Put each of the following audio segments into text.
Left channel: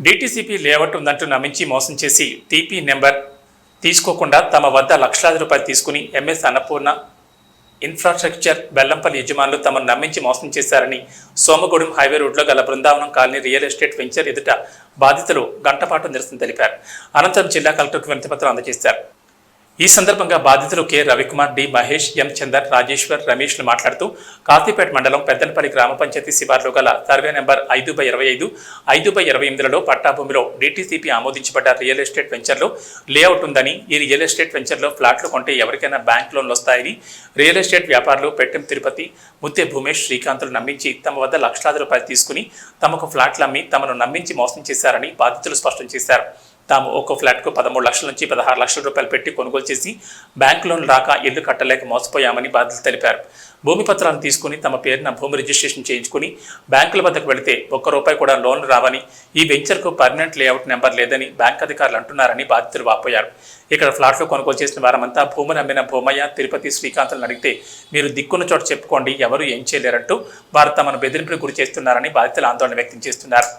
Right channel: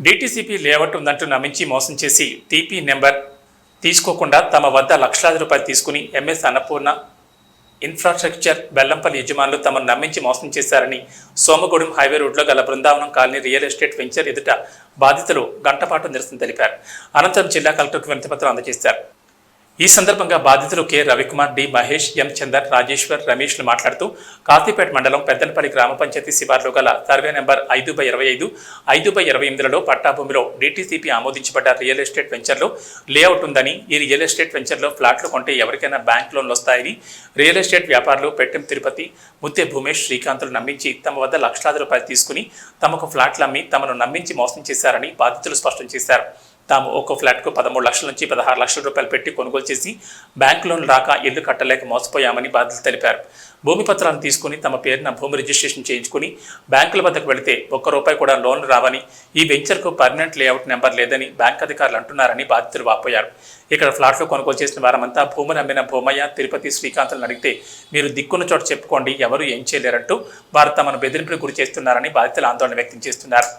DTCP layout ఉందంటూ నమ్మించి మోసం చేసి టీపీ నెంబర్ తీసుకోకుండా తమ వద్ద లక్షలాది రూపాయలు తీసుకుని ఎంఎస్ అన్నపూర్ణ ఇన్ఫ్రాస్ట్రక్చర్ బెల్లంపల్లి యజమానులు తమను నమ్మించి మోసం చేశారని సోమగూడెం హైవే రోడ్లో గల Brindavanam colony real estate venture ఎదుట బాధితులు గంటపాటు నిరసన తెలిపారు. అనంతరం జిల్లా కలెక్టర్కు వినతిపత్రం అందజేశారు. ఈ సందర్భంగా బాధితులు K Ravikumar, D Mahesh, M Chandar, Rajeshwar, రమేష్లు మాట్లాడుతూ కాశీపేట మండలం పెద్దనపల్లి గ్రామ పంచాయతీ శివార్లో గల సర్వే నెంబర్ 5/25, 5/28లలో పట్టాభూమిలో డీటీసీపీ ఆమోదించబడ్డ రియల్ ఎస్టేట్ వెంచర్లో లేఅవుట్ ఉందని, ఈ రియల్ ఎస్టేట్ వెంచర్లో ఫ్లాట్లు కొంటే ఎవరికైనా బ్యాంక్ లోన్లు వస్తాయని రియల్ ఎస్టేట్ వ్యాపారులు పెట్టెం తిరుపతి, ముత్తే భూమేష్, శ్రీకాంతులు నమ్మించి తమ వద్ద లక్షలాది రూపాయలు తీసుకుని తమకు ఫ్లాట్లు అమ్మి తమను నమ్మించి మోసం చేశారని బాధితులు స్పష్టం చేశారు. తాము ఒక్కో ఫ్లాట్కు 13 లక్షల నుంచి 16 లక్షల రూపాయలు పెట్టి కొనుగోలు చేసి బ్యాంక్ లోన్ రాక ఇల్లు కట్టలేక మోసపోయామని బాధితులు తెలిపారు. భూమి పత్రాలను తీసుకుని తమ పేరున భూమి రిజిస్ట్రేషన్ చేయించుకుని బ్యాంకుల వద్దకు వెళితే ₹1 కూడా లోన్లు రావని, ఈ వెంచర్కు పర్మనెంట్ లేఅవుట్ నెంబర్ లేదని బ్యాంక్ అధికారులు అంటున్నారని బాధితులు వాపోయారు. ఇక్కడ ఫ్లాట్లు కొనుగోలు చేసిన వారమంతా భూమిని అమ్మిన భూమయ్య, తిరుపతి, శ్రీకాంతులను అడిగితే మీరు దిక్కున్న చోట చెప్పుకోండి, ఎవరు ఏం చేయలేరంటూ వారు తమను బెదిరింపులకు గురి చేస్తున్నారని బాధితులు ఆందోళన వ్యక్తం చేస్తున్నారు.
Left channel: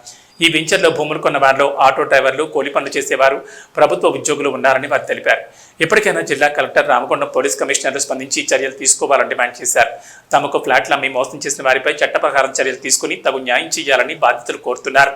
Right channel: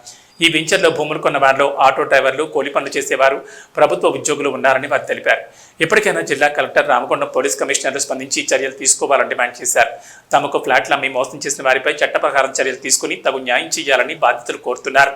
ఈ వెంచర్లో భూములు కొన్న వారిలో ఆటో డ్రైవర్లు, కూలి పనులు చేసేవారు, ప్రభుత్వ ఉద్యోగులు ఉన్నారని వారు తెలిపారు. ఇప్పటికైనా జిల్లా కలెక్టర్, రామకొండం పోలీస్ కమిషనర్లు స్పందించి చర్యలు తీసుకోవాలని డిమాండ్ చేశారు. తమకు ఫ్లాట్లు అమ్మి మోసం చేసిన వారిపై చట్ట ప్రకారం చర్యలు తీసుకుని తగు న్యాయం చేయాలని బాధితులు కోరుతున్నారు.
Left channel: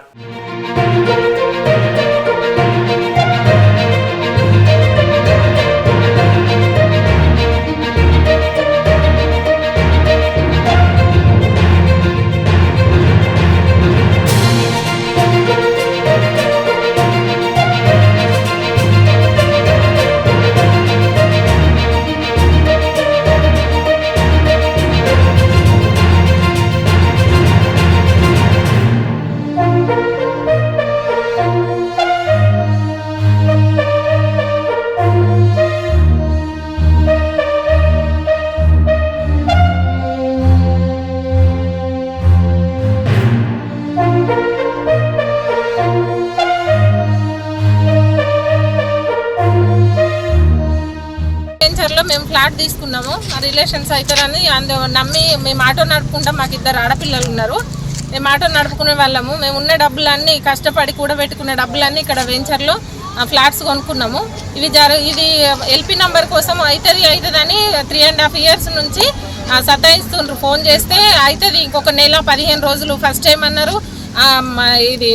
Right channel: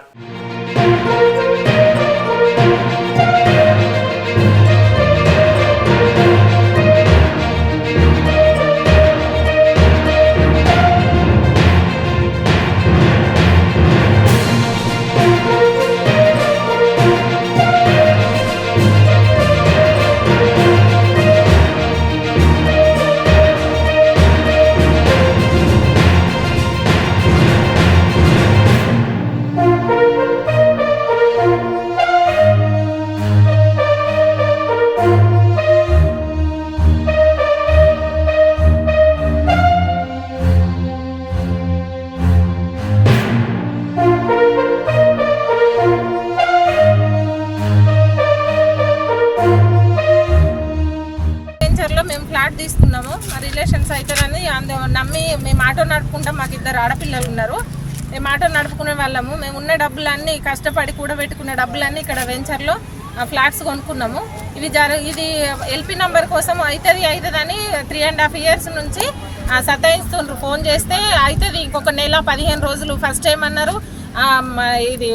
మేము ఫ్లాట్ తీసుకున్నాము, మా రిలేషన్స్ అవుతారని నమ్మి మేము ఆటో నడుపుకుంటాం. మాకు 2 ఆడపిల్లలు ఉన్నారు. మేము ఆటో నడుపుకునే వాళ్ళము. మేము ఉన్న డబ్బులన్నీ కష్టపడి కూడా పెట్టుకున్న డబ్బులన్నీ ఇక్కడ వెంచర్లో ఫ్లాట్స్ కొనుక్కున్నాము. ఇది ఎల్పీ నెంబర్ కోసం అవుతుందని 3.5 years నుంచి సతాయిస్తుండ్రు. ఫోన్ చేస్తే అవుతుంది ఇంకొక నెల 15 రోజులు ఫస్ట్ టైం అన్నారు. ఇది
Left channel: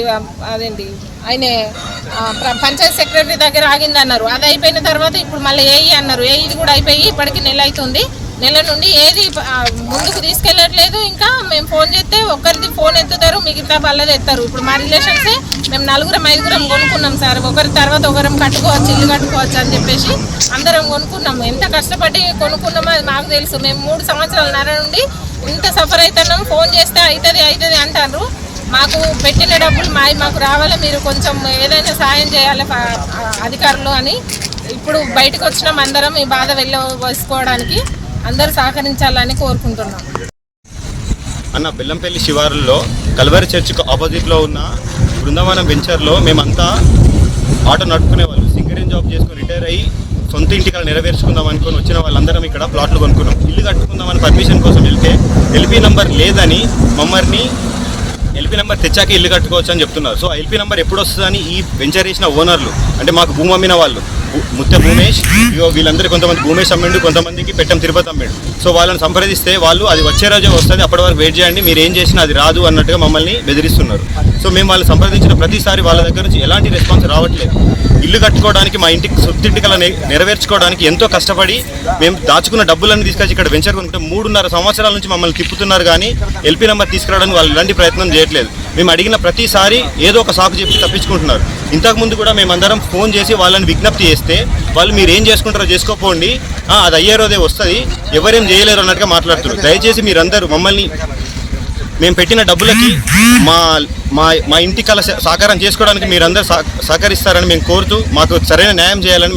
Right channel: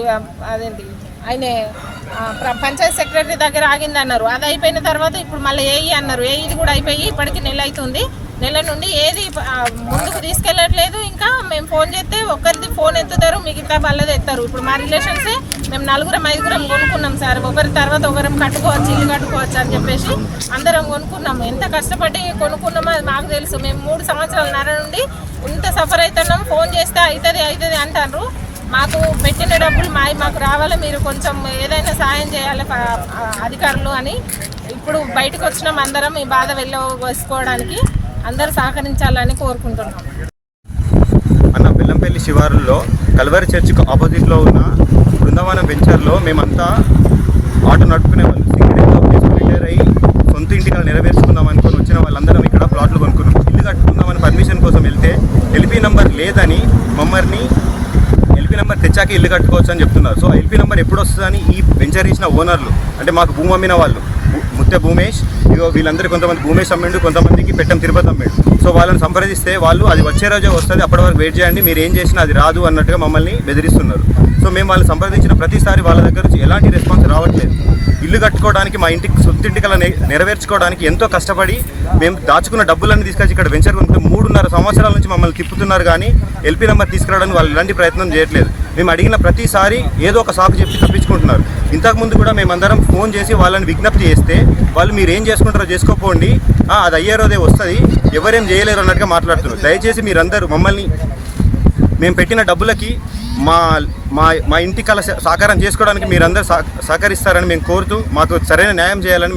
అదేంటి ఆయన పంచాయత్ సెక్రటరీ దగ్గర ఆగింది అన్నారు. అది అయిపోయిన తర్వాత ఇప్పుడు మళ్ళీ ఏఈ అన్నారు. ఏఈది కూడా అయిపోయి ఇప్పటికి నెల అవుతుంది. నెల నుండి ఏది ముందుకు తీసుకెళ్ళట్లేదు. ఇంకా మేము ఫోన్ చేస్తే ఒకరిది ఫోన్ ఎత్తుతారు, మిగతా వాళ్ళది ఎత్తారు. ఇప్పుడు మా రిలేషన్సే మేము 4-5 కొనుక్కున్నాం సార్. ఒకరి తర్వాత ఒకరం కట్టుకోవచ్చు, ఇల్లు కట్టుకోవచ్చు అని చెప్పేసి అందరం కొనుక్కున్నాము. ఎంత కష్టపడి కొనుక్కున్నామో అది మాకు తెలుసు. మేము 3 సంవత్సరాల నుండి ఇంత సఫర్ అవుతున్నాం. ఫోన్ చేస్తే అవుతుంది అంటారు. మాకు పెట్టిన డబ్బులు మాకు రావాలి, మీరు కొంచెం ఏదైనా సాయం చేయాలి అధికారులు అని ఇప్పుడు బయటకు వచ్చినాం. అందరం ఈ బాధ వేసుకోవడానికి అందరూ సహకరించాలని కోరుకుంటున్నాం. అన్న బెల్లంపల్లి శివారుల్లో కల్వరి చర్చికి ఆపోజిట్లో ఉన్న బృందావనం వెంచర్లో మేమంతా ఆటో నడుపుకునే వాళ్ళు, సింగిల్ జాబ్ చేసుకుని రిటైర్ అయ్యి సొంత ఇంటికి నెరవేర్చుకుందాం అనుకుని వచ్చిన వాళ్ళందరం ఇక్కడ ప్లాట్లు కొనుక్కున్నాం. ఇల్లు కట్టుకుందామని పర్మిషన్ కోసం వెళ్తే ఎల్పీ నెంబర్ లేదని మమ్మల్ని ఎల్పీ నెంబర్ తెచ్చాక ఇల్లు కట్టుకోవచ్చు అని చెప్తున్నారు. సో ఎల్పీ నెంబర్ ఎప్పుడు వస్తుందని ఈ వెంచర్ చేసిన ఓనర్లు, అంటే మాకు భూమి అమ్మిన వాళ్ళు, ముత్తే భూమేష్, వీళ్ళందరూ కొంతమంది భూమేష్ అమ్మిండు, కొంతమందికి పెట్టెం తిరుపతి అమ్మిండు. సో వాళ్ళని సంప్రదిస్తే వాళ్ళు అది వచ్చే రోజే వస్తుంది, అప్పటి వరకు వెయిట్ చేయండి, మీరు ఏం చేసినా అది రాదు అన్నట్టుగా మమ్మల్ని బెదిరిస్తున్నారు. సో మేము వాళ్ళు సంప్రదించిన ప్రతిసారి వాళ్ళ దగ్గర నుంచి ఎలాంటి రెస్పాన్స్ రావట్లేదు. ఇల్లు కట్టుకోవడానికి, మా ఇంటికి సొంతింటికల నెరవేర్చుకోవడానికి ఎంతో కష్టపడి మేము దాచుకున్న డబ్బులన్నీ తీసుకొచ్చి ఇక్కడ వెంచర్ కొనుక్కుంటే 3.5 సంవత్సరాల నుంచి మమ్మల్ని తిప్పుతున్నారు. కానీ ఎల్పీ నెంబర్ తీసుకురావడానికి వాళ్ళు ఎలాంటి ప్రయత్నం చేయట్లేదు. మేము అడిగిన ప్రతిసారి ఏదో ఒక సాకు చెప్పి తప్పించుకుంటున్నారు. ఇంతకుముందు కూడా మేమందరం ఫోన్ చేసి వాళ్ళని విజ్ఞప్తి చేస్తే వాళ్ళు మీరు ఏం చేసుకుంటారో చేసుకోపోండి, అది అయ్యే రోజే వస్తుంది, ఎవరేం చేయలేరు అన్నట్టుగా మాట్లాడుతున్నారు. దయచేసి మీరందరూ మమ్మల్ని మేము పెట్టిన డబ్బులకి మా ఇంటి కళ సాకారం చేసుకోవడానికి మీరందరూ సహకరిస్తారని మేము కోరుతూ మాకు సరైన న్యాయం చేయాలని